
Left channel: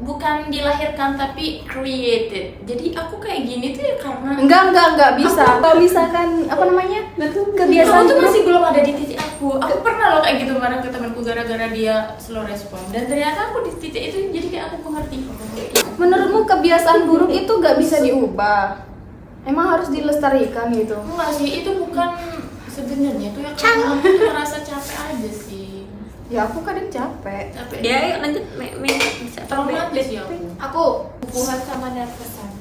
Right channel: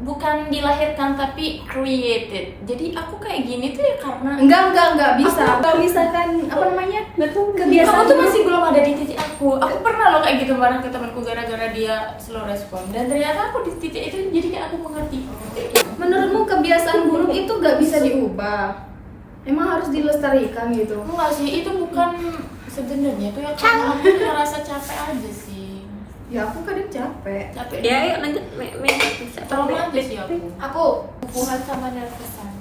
bukan dilahirkan tapi created. Jadi aku kayak gini tuh ya karena Enggak bisa. Kalau misalkan apa namanya? kamu Kebiasaan tuh buruk. masih belum ada di titik aku. Aku pernah loh kayak gitu marah ke temanku gara-gara dia slow respon. Dan ternyata aku di titik itu jadi kayak aku mengerti. Menurutmu kebiasaan buruk itu gak bisa diubah? Emang harus dilestarikan gitu? Enggak sih, itu bukan sebenarnya itu ya karena aku merasa capek aja sih. Ya aku kadang capek. Capek. Ya, ayo lanjut, Mei. Bisa Trauma sih aku. Aku guguhan sama nervousan.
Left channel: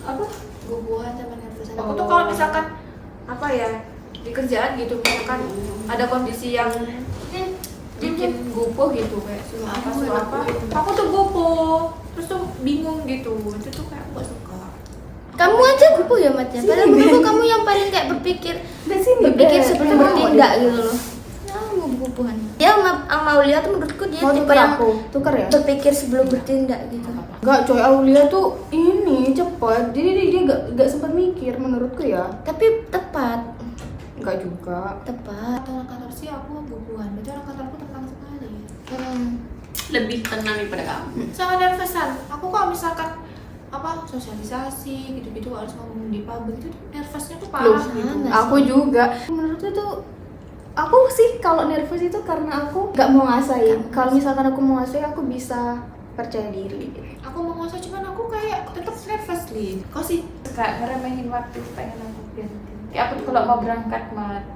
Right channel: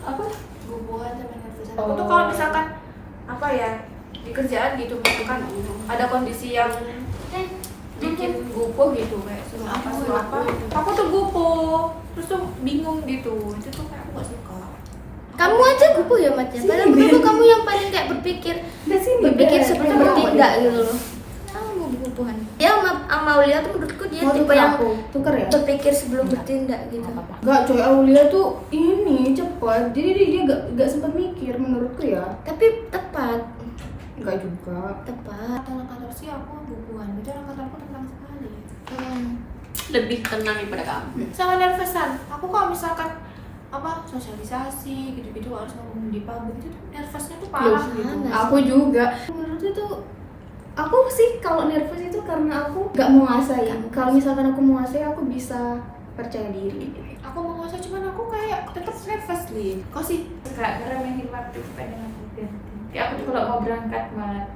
Apa? Guguhan sama nervousan. Aku tuh kalau misalkan apa ya di kerjaan gitu, misalkan ada kondisi yang bikin gupuh gitu, kayak suruh apa, aku tuh gupuh, terus tuh bingung gitu, itu tuh kayak aku gak suka. Kamu aja gupuh ya, Mat ya. Padahal menurutku kamu yang paling kayak berpikir sebelum bertindak gitu loh. Kamu gupuhan. Dia sama Aulia tuh menurutku dia Mau tipe tuker yang aku? Tuker ya? berpikir sebelum bertindak gitu. Enggak coy, Aulia tuh ini cepat. Jadi dia gak sempat mikir menurutku ya. Tapi tepat. Enggak juga. Tepat. Orang kantor sih aku gupuhan, berarti orang kantorku tenang sekali. Lebih tenang daripada kamu. Sama nervousan, aku kalau misalkan apa sosialisasi gitu-gitu harus ngomong di publik itu nervousnya tuh parah Loh, gitu. mana? Aku juga. Menurutku tuh aku sih kalau nervous itu karena aku gak mau ngasain. Kalau misalkan aku mau ngasain aku bisa percaya diri. Aku mau ngasa cuman aku kayak tetap nervous Lin. Kok sih? Suka ngeremehin waktu pengen aku berhenti. Kayak aku tuh kalau mau berangkat mah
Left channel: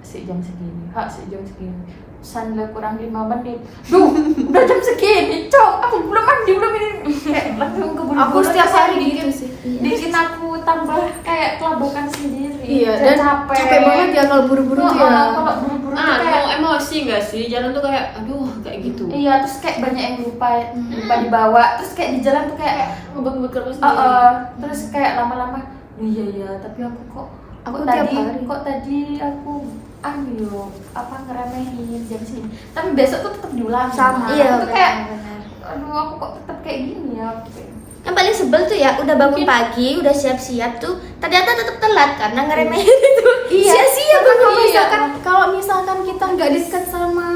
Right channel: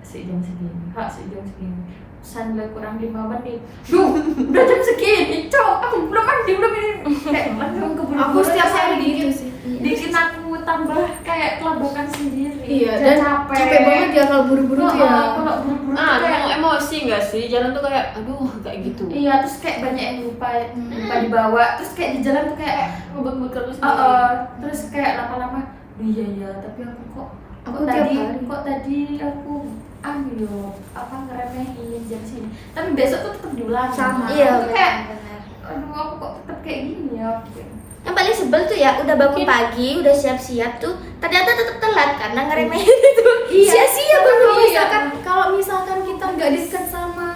sejam segini, sejam segini. Sandal kurang 5 menit. Duh, udah jam segini, Cong. Aku belum mandi, belum ini. Kayak langsung keburu-buru. Aku setiap hari gitu sih. Bikin aku tambah kayak kelabukan sendiri. Iya, Dan dan capek banget ya kalau buru-buru tuh ya. Kalau buru-buru tuh Ah, kayak mau emosi nggak sih? Jalan tuh kayak, aduh, kayak gitu. iya, terus kayak banyak yang lupa dibawa. Terus kayak di jalan tuh kayak Ngebek-ngebek sendiri. terus kayak lama-lama iya tapi aku kok Aku kok tiap tadi hari. kok tadi aku ngeremehin jam segini tapi besok tuh tetap diulang Sama. Iya, itu kayak benar. aduh aku kok tetap kayak gini ya gitu. Yang paling sebel tuh ya udah bangun pagi, udah siap-siap tuh ternyata tetap telat karena ngeremehin itu. Iya. Sia-sia Kalau banget. misalkan kita nggak dekat sama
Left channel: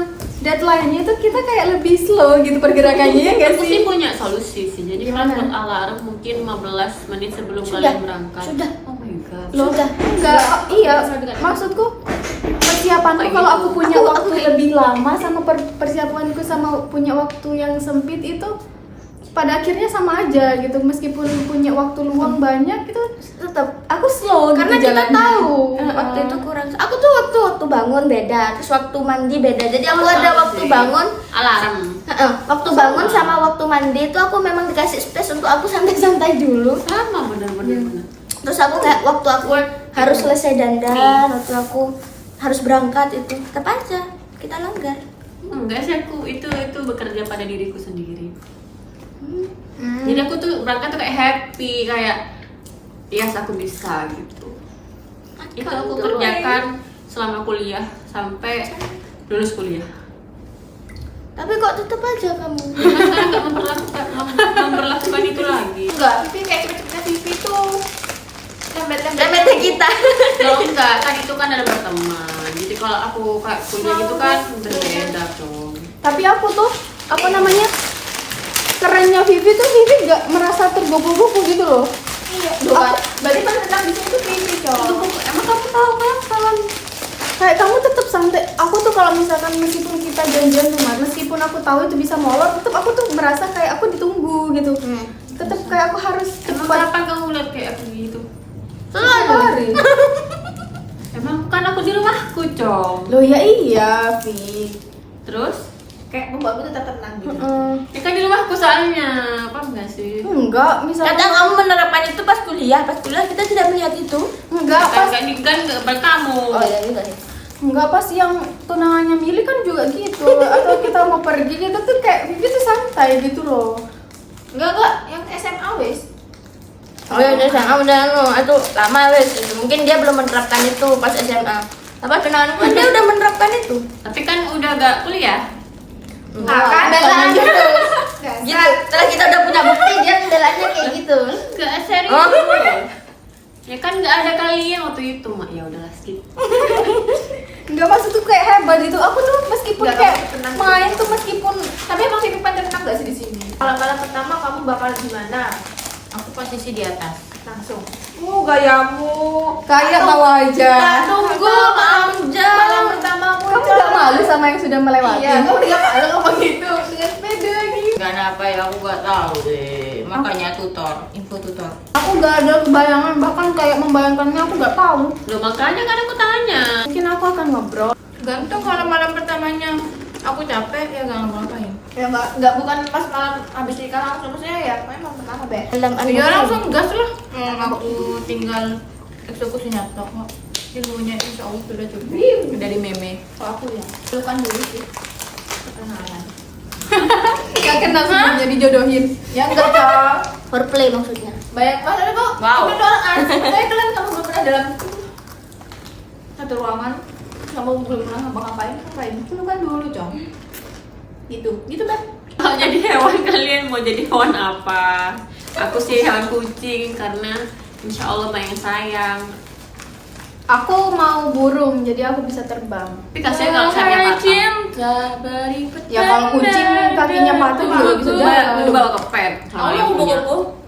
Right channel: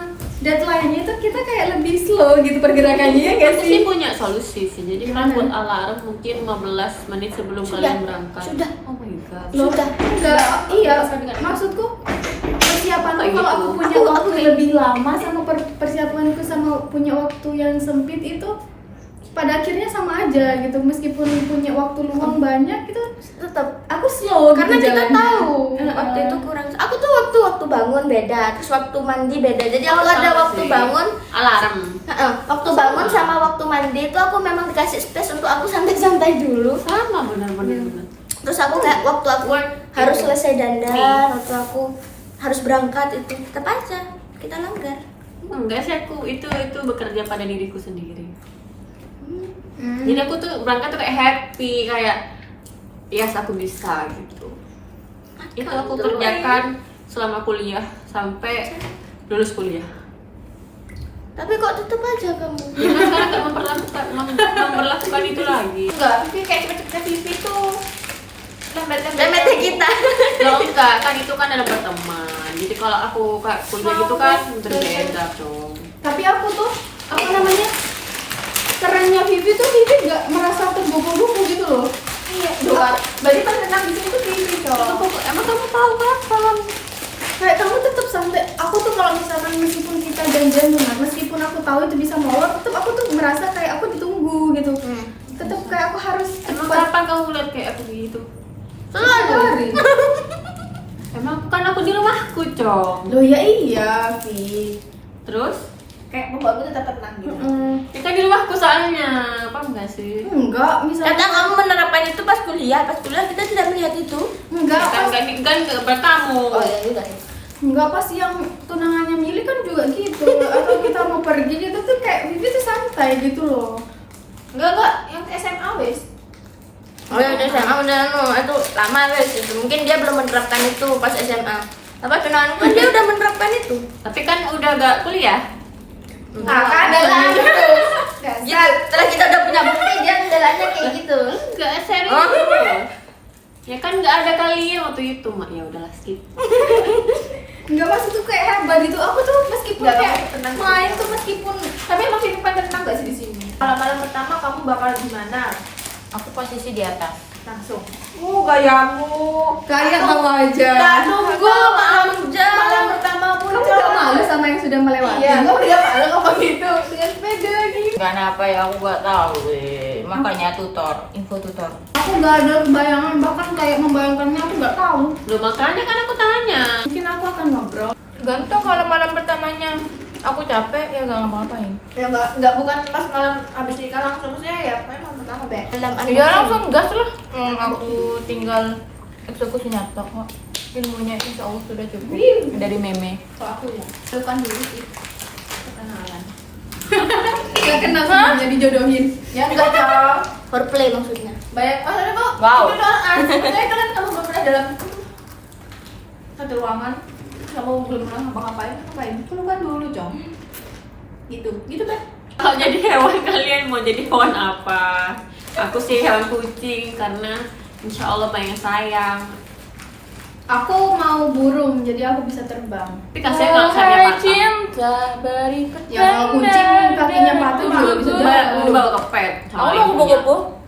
deadline-nya itu kita kayak lebih slow gitu pergerakannya ya nggak Aku sih? sih punya solusi sih. Jadi Gimana? kalau buat alarm mungkin 15 menit sebelum Sudah, kalian berangkat. sudah. Oh my god. Sudah. Enggak, iya. Maksudku persiapanku Kayak kalau gitu. aku punya waktu lebih lama sama persiapanku sama punya waktu yang sempit itu pada akhirnya sama aja gitu. Meskipun punya waktu luang banyak itu Tetap aku slow karena gitu kita jalannya. tahu waktu itu kurang. Aku tuh waktu bangun beda, terus waktu mandi beda. Jadi aku ada Sama waktu sih. bangun, Alarm. waktu bangun sama waktu mandi itu aku memang dikasih space untuk aku santai-santai dulu. Sama benar-benar. Terus aku kayak waktu aku harus selesai dandan, waktu aku harus berangkat itu tetap aja kita langgar. Enggak sih, aku itu bekerja pada diriku sendiri. Jadi aku tuh berangkat tuh kayak happy, kayak yes aku bisa gitu. Itu aku kerjakan selama kuliah sampai lulus kuliah. Tapi kok tetap aja kamu. Karena sekarang nggak memperlakukan itu lagi. Enggak, Vivi kayak cepet-cepetnya Vivi tuh Remete kita. Loh enggak, kan itu kan dalam berteman. Jadi kalau aku kayak kuliah gitu kan berbeda dong. Tapi aku tuh apa namanya kerennya Vivi tuh Vivi gak merasa tergopoh-gopoh gitu loh. Iya. Doa. Berarti pas tenang di sini tuh creepy, Cok. Emang kamu tahu kapan? Kayak kamu tetap santai. Aku tuh kalau misalkan meskipun kita janjian cuma, meskipun aku tahu itu bisa molor, tetap aku tuh merasa kayak aku ditunggu gitu. Tetap kayak aku harus Emang cepat. kapan kamu lihat kayak aku gitu? Hari. Emang kan aku di rumahku, Cong. Loh ya iya, Fit. Terus? Kayak membuatmu tetap tenang gitu. Ya kan di rumahku soalnya, paham gak sih? Enggak, misalnya Kadang kamu menerapkan itu pas kuliah kita tidak melihat itu. enggak Kan pas gak bertamu. Oh iya juga sih. enggak pas yang tunangannya Mili kan juga gitu. Atau kita mau pergi gitu tuh kayak Vivi tuh santai gitu loh. Enggak, yang SMA wes. Oh ya udah SMA udah itu lama wes itu. Mungkin dia belum menerapkan itu pas SMA. Apa tunangan kan dia udah menerapkan itu. Tapi kan udah gak kuliah. Nah, kan Jalan gitu. gitu. Setelah kita udah punya bukti dia jalannya kayak gitu. Gak serius. Oh. Ya kan gak ada kalian waktu itu, Mak. Ya udahlah skip. Enggak maksud tuh kayak hebat gitu. Aku tuh meskipun Enggak, kayak kamu tenang main gitu. tuh meskipun Tapi emang sih tenang gak sih di sini? Malam-malam pertama kamu bakal gimana? Aku posisi di atas. Langsung. Gayamu. kayak mau aja. Tak tunggu malam pertamamu. Kamu gak malu sama yang sudah melewati? Iya, kamu udah malu ngomong gitu dengan sepeda lagi. Gak apa ya, aku gak tahu deh. Makanya info tutor. Aku gak ada bayangan, bahkan kayak membayangkannya aku gak tahu. Loh makanya kan aku tanya. Mungkin aku akan ngobrol. Gantung kalau malam pertamanya aku capek ya gak ngapa-ngapain. Ya enggak bukan pas malam habis nikah langsung, maksudnya ya pokoknya malam pertama be. Dalam Ya langsung gas lah. Aku tinggal eksekusi nyata kok. Ilmunya insya Allah sudah cukup. Dari meme. Kalau aku ya, pelukan dulu sih. Kenalan. Gak kenal sebelumnya dijodohin. Ya enggak, Cang. foreplay maksudnya. Banyak maksudnya kok. Wow. Itu doang. Maksudnya kalian kamu belum pernah dalam satu ruangan, kamu belum pernah ngapain? Pelukan dulu, Cong. Gitu Beb. Kalau jadi hewan kalian mau jadi hewan apa? Aku sih hewan kucing karena insya Allah banyak sayang. Aku mau burung, jadi aku bisa terbang. Tapi kasihan kalau sayapnya patah. cinta beri Ya kalau kucing kakinya patah juga bisa jalan. Dibawa ke pet sama Kamu ibunya.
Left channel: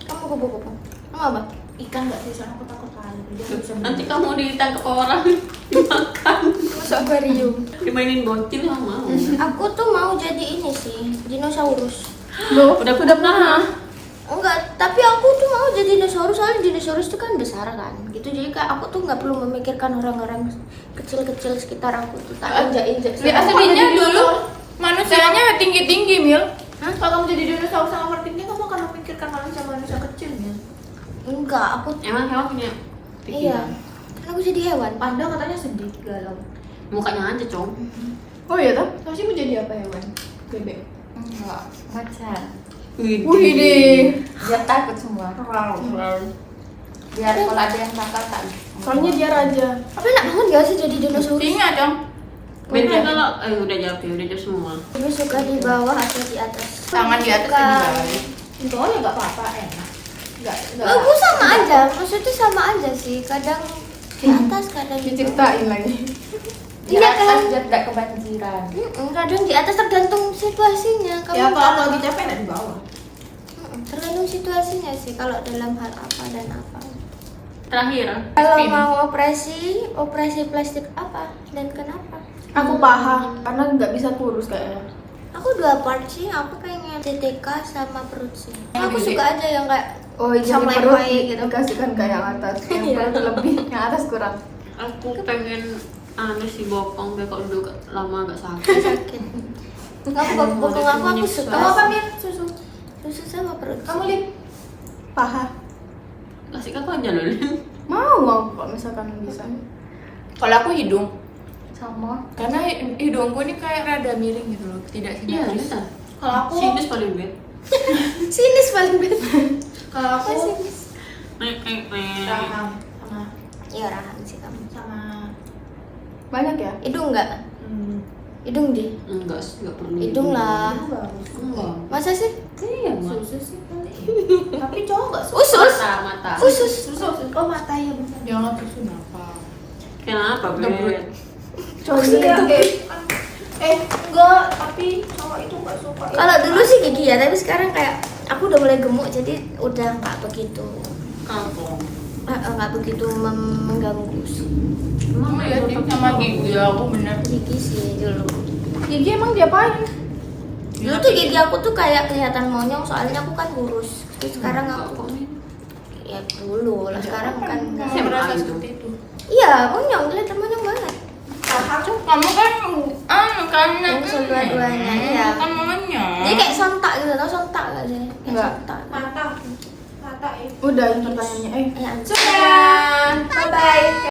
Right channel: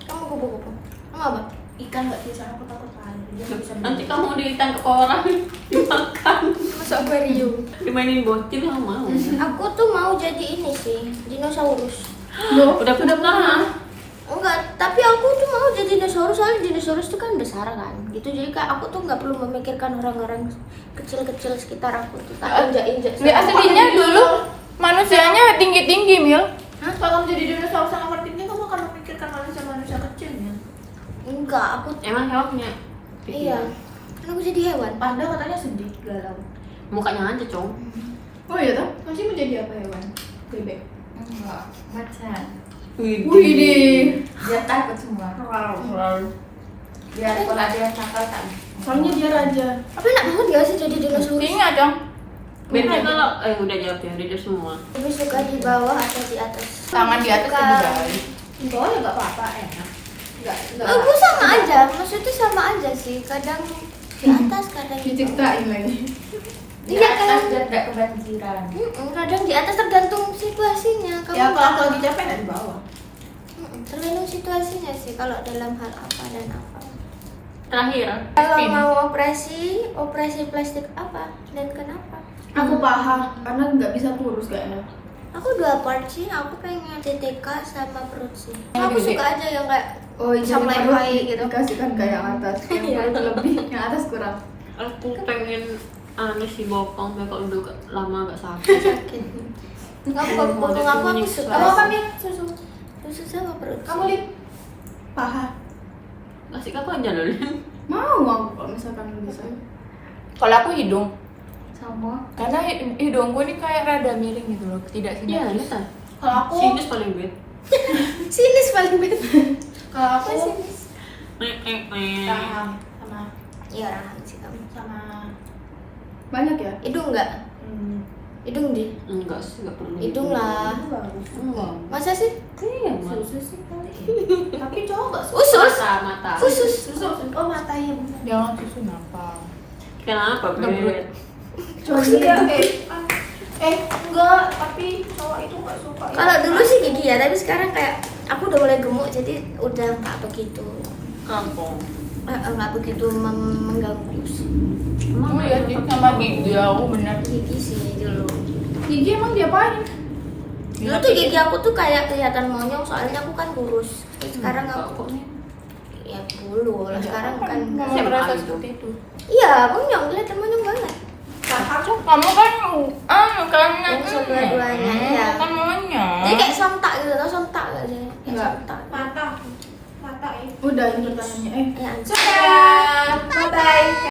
Kamu kupu-kupu. Kamu apa? Ikan enggak sih, soalnya aku takut kali. Dia nggak bisa Nanti kamu ditangkap orang, dimakan, Masuk akuarium. dimainin bocil nggak mau. Aku tuh mau jadi ini sih, dinosaurus. Loh, Udah pernah. Enggak, tapi aku tuh mau jadi dinosaurus soalnya dinosaurus itu kan besar kan, gitu. Jadi kayak aku tuh nggak perlu memikirkan orang-orang kecil-kecil sekitar aku tuh tak injak-injak. Ya aslinya dulu manusianya tinggi-tinggi Mil. Hah? Kalau kamu jadi dinosaurus sama overthinking, kamu akan memikirkan manusia kecilnya. Enggak, aku Emang hewan punya iya. pikiran? Kan aku jadi hewan. Panda katanya sedih, galau. Mukanya aja, Cong. oh iya toh? Masih menjadi apa hewan? Bebek. Enggak, macan. Widih. Biar takut semua. Biar kalau ada yang takal tak. Soalnya dia raja. Apa enak banget gak sih jadi dinosaurus? Singa Cong. Beda kalau udah jawab ya, udah jawab semua. Lebih suka di bawah atau di atas? Tangan di atas Suka. dan di bawah. Enggak, ya enggak apa-apa, enak. Enggak. Aku sama aja, maksudnya sama aja sih. Kadang di atas, kadang di bawah. Diciptain lagi. Di Iya, atas kan? biar tidak kebanjiran. Kadang di atas tergantung situasinya. Kamu Ya kalau aku lagi capek enak di bawah. tergantung situasinya sih. Kalau dalam hal apa dan apa. Terakhir, Kalau mau operasi plastik apa dan kenapa? Aku paha karena nggak bisa kurus kayaknya. Aku 2 part sih. Aku pengen CTK sama perut sih. Aku suka aja yang kayak Oh, jadi Sama perut yang gitu. dikasihkan ke yang atas. Yang perut lebih, yang atas kurang. aku pengen sih bokong biar kalau duduk lama agak sakit. sakit. Aku bokong aku suka. Kamu apa, Mir? Susu. Susu sama perut. Kamu Lin? Paha. Kasih aku aja loh, Lin. Mau kalau misalkan bisa. Kalau aku hidung. Sama. Karena hidungku ini kayak rada miring gitu loh, tidak Iya, simetris. bisa. Kalau aku Sinus paling bed. Sinis paling best. kalau aku Sinis. raham sama Iya rahang sih kamu. Banyak ya? Hidung enggak? Hidung deh. Enggak sih, enggak perlu. Hidung lah. bagus. Enggak. Masa sih? Iya, Mak. Susu sih kali. Tapi cowok enggak suka. Usus. Mata. Khusus. Susu. Oh, mata ya benar. Jangan susu kenapa? Kenapa, bed? Cowok enggak, tapi cowok itu enggak suka. Kalau dulu sih gigi ya, tapi sekarang kayak aku udah mulai gemuk jadi udah nggak begitu. Kampung. nggak begitu mengganggu sih. Emang ya sama gigi aku bener. Gigi sih dulu. Gigi emang diapain? Dulu tuh gigi aku tuh kayak kelihatan monyong soalnya aku kan kurus. Terus sekarang aku ya dulu lah, sekarang kan enggak. SMA merasa gitu. seperti itu. Iya, monyong, kelihatan monyong banget. Kamu kan Yang dua-duanya ya. kan maunya. Jadi kayak sontak gitu, tau sontak gak sih? Kayak Enggak. sontak. Mata ya. Udah ini pertanyaannya. Ya, Sudah. Bye bye.